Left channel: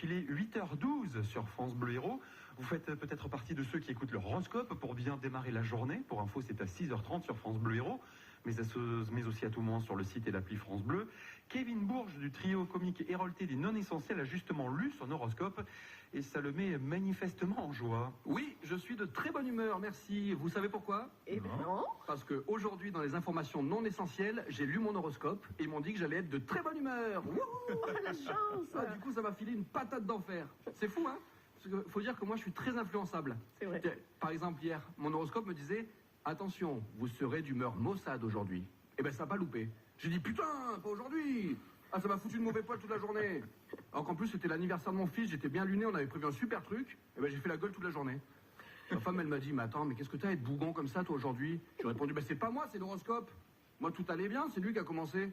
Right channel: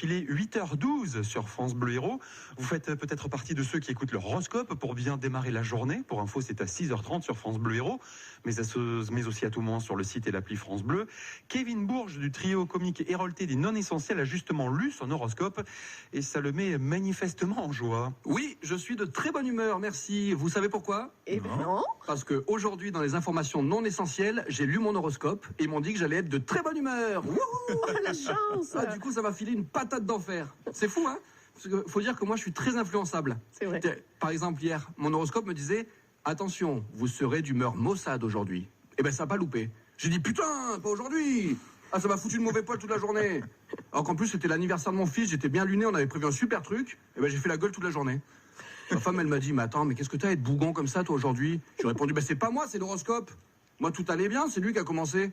filer 8h12 sur France Bleu Héros. Vous faites peut-être partie de ceux qui écoutent leur horoscope pour bien démarrer la journée. Pour info, c'est à 6h30 sur France Bleu Héros, mais aussi à tout moment sur le site et l'appli France Bleu. Kevin Bourges du trio comique Hérolté des non-essentiels a justement lu son horoscope et ça le met manifestement en joie. Oui, je suis de très bonne humeur, merci. Vous savez pourquoi ? Non. Parce qu'aujourd'hui, dans les informations non essentielles, j'ai lu mon horoscope et ils m'ont dit que j'allais être de très bonne humeur. Wouhou, la chance. Du coup, ça m'a filé une patate d'enfer. C'est fou, hein ? Parce qu'il faut dire que moi, je suis très influençable. C'est vrai. Par exemple, hier, mon horoscope me disait « Attention, vous serez d'humeur maussade aujourd'hui. » Eh ben, ça n'a pas loupé. J'ai dit « Putain, pas aujourd'hui !» Ah, ça m'a foutu de mauvais poil toute la journée. Alors qu'en plus, c'était l'anniversaire de mon fils, j'étais bien luné, on avait prévu un super truc. Et ben, j'ai fait la gueule toute la journée. Ma femme, elle m'a dit « Mais attends, mais qu'est-ce que t'as à être bougon comme ça, toi, aujourd'hui ?» J'ai répondu « Ben, c'est pas moi, c'est l'horoscope. Moi, tout allait bien, c'est lui qui a commencé. »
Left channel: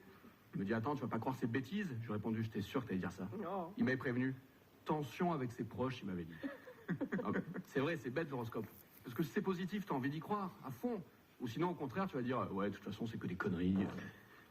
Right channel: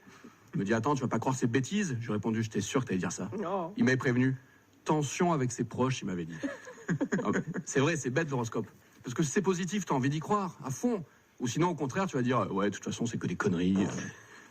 Il me dit « Attends, tu vas pas croire ces bêtises ?» J'ai répondu « J'étais sûr que t'allais dire ça. Non. » Il m'avait prévenu. Tension avec ses proches, il m'avait dit. C'est vrai, c'est bête l'horoscope. Parce que si c'est positif, t'as envie d'y croire, à fond. Ou sinon, au contraire, tu vas dire « Ouais, de toute façon, c'est que des conneries. »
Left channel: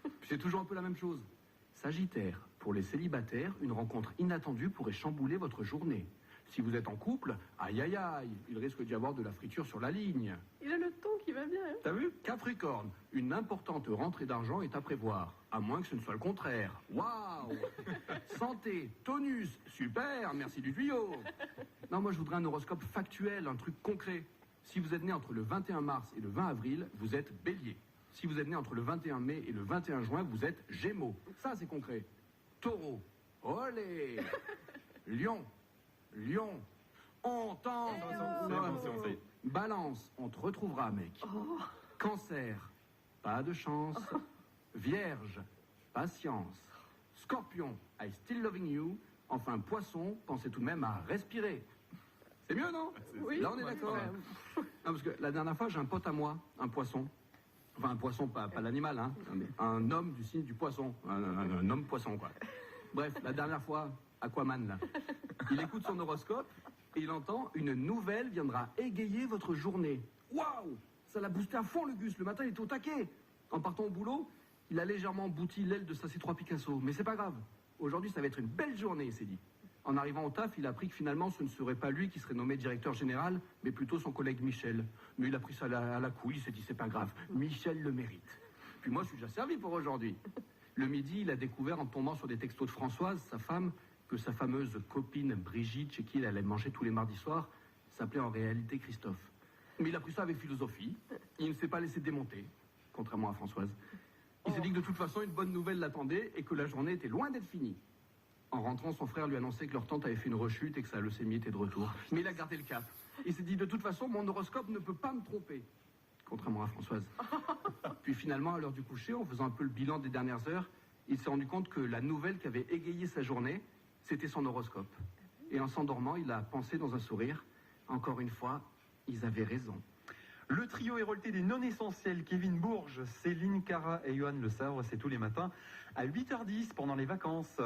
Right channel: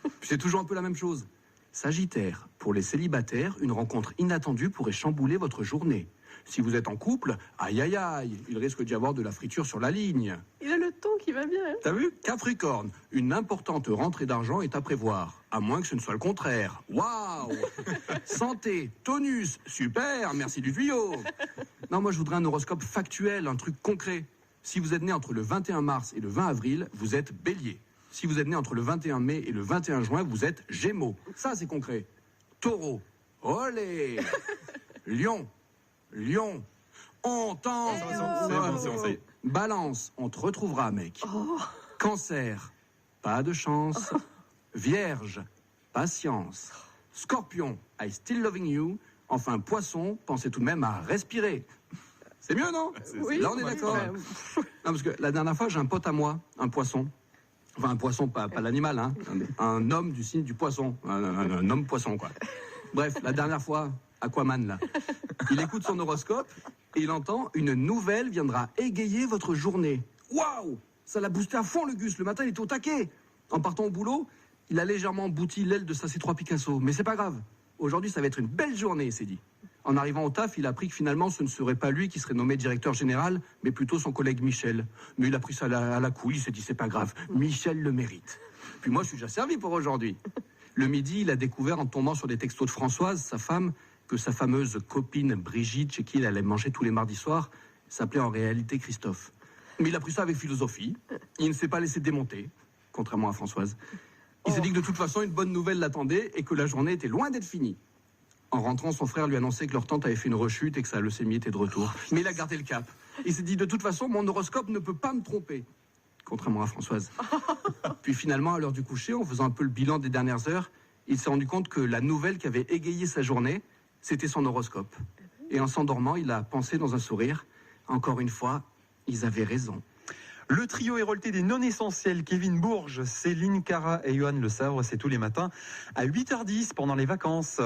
Puis c'est toujours un peu la même chose. Sagittaire, pour les célibataires, une rencontre inattendue pourrait chambouler votre journée. Si vous êtes en couple, aïe aïe aïe, il risque d'y avoir de la friture sur la ligne. Il a le ton qui va bien. Hein. T'as vu ? Capricorne, une importante rentrée d'argent est à prévoir, à moins que ce ne soit le contraire. Waouh ! Santé, tonus, super, merci du tuyau. Non, moi je voudrais un horoscope factuel, un truc concret. Si vous êtes né entre le 21 mars et le 20 avril, vous êtes bélier. Si vous êtes né entre le 21 mai et le 21 juin, vous êtes gémeaux. Ça, c'est concret. Taureau, olé. Lion, on tente. C'est bon. Balance, on te retrouvera, mec. Oh. Cancer, pas de chance. Vierge, patience. Scorpion, I still loving you. Enfin, poisson, pensez tout de même à respirer. C'est mieux, non ? Oui. Là, on est d'accord. Non, parce que la dernière fois, j'ai un pote à moi, un poisson. Enfin, un poisson, pas l'animal, hein. Un homme du signe du poisson. Un homme poisson, quoi. Bref, la dernière fois, Aquaman, là. Il écoute son horoscope et il entend « Une nouvelle viendra égayer votre journée ». Waouh ! Ça l'a boosté à fond, le Gus. Le matin, il était au taquet. En partant au boulot, il a légèrement bouti l'aile de sa C3 Picasso. Mais c'est pas grave. Aujourd'hui, ça va être une belle journée, il s'est dit. En arrivant au taf, il a appris que finalement, ce ne serait pas lui qui serait nommé directeur général, mais plutôt son collègue Michel. Mais il a pris ça à la couille, il s'est dit, c'est pas grave, Michel le mérite. Puis moi, je suis déjà servi pour aujourd'hui. Le midi, il a découvert, en tombant sur des textos de Françoise, sa femme, que sa fameuse copine Brigitte, chez qui il allait manger tous les mardis soirs, s'appelait en réalité Christophe. Mais il a pris ça avec philosophie. Il ne s'est pas laissé démonter, contrairement à Françoise. Il s'est dit que de toute façon, une bonne nouvelle l'attendait et que la journée était loin d'être finie. En rentrant, son frère lui annonçait que leur tante avait fait une rechute et que sa leucémie était de retour. Mais il a gardé le cap. Il s'est dit, de toute façon, mon horoscope ne peut pas me tromper. Contrairement à Françoise. Puis finalement, à l'heure du coucher, en faisant un peu le bilan des dernières heures, il s'est rendu compte que la nouvelle qui avait égayé sa journée, c'était son horoscope. Et en s'endormant, il a pensé dans un sourire, encore une fois, ils avaient raison. Le trio Hérolté des non-essentiels, Kevin Bourges, Céline Cara et Johan Le Savre, c'est tous les matins à 8h10 pendant les vacances.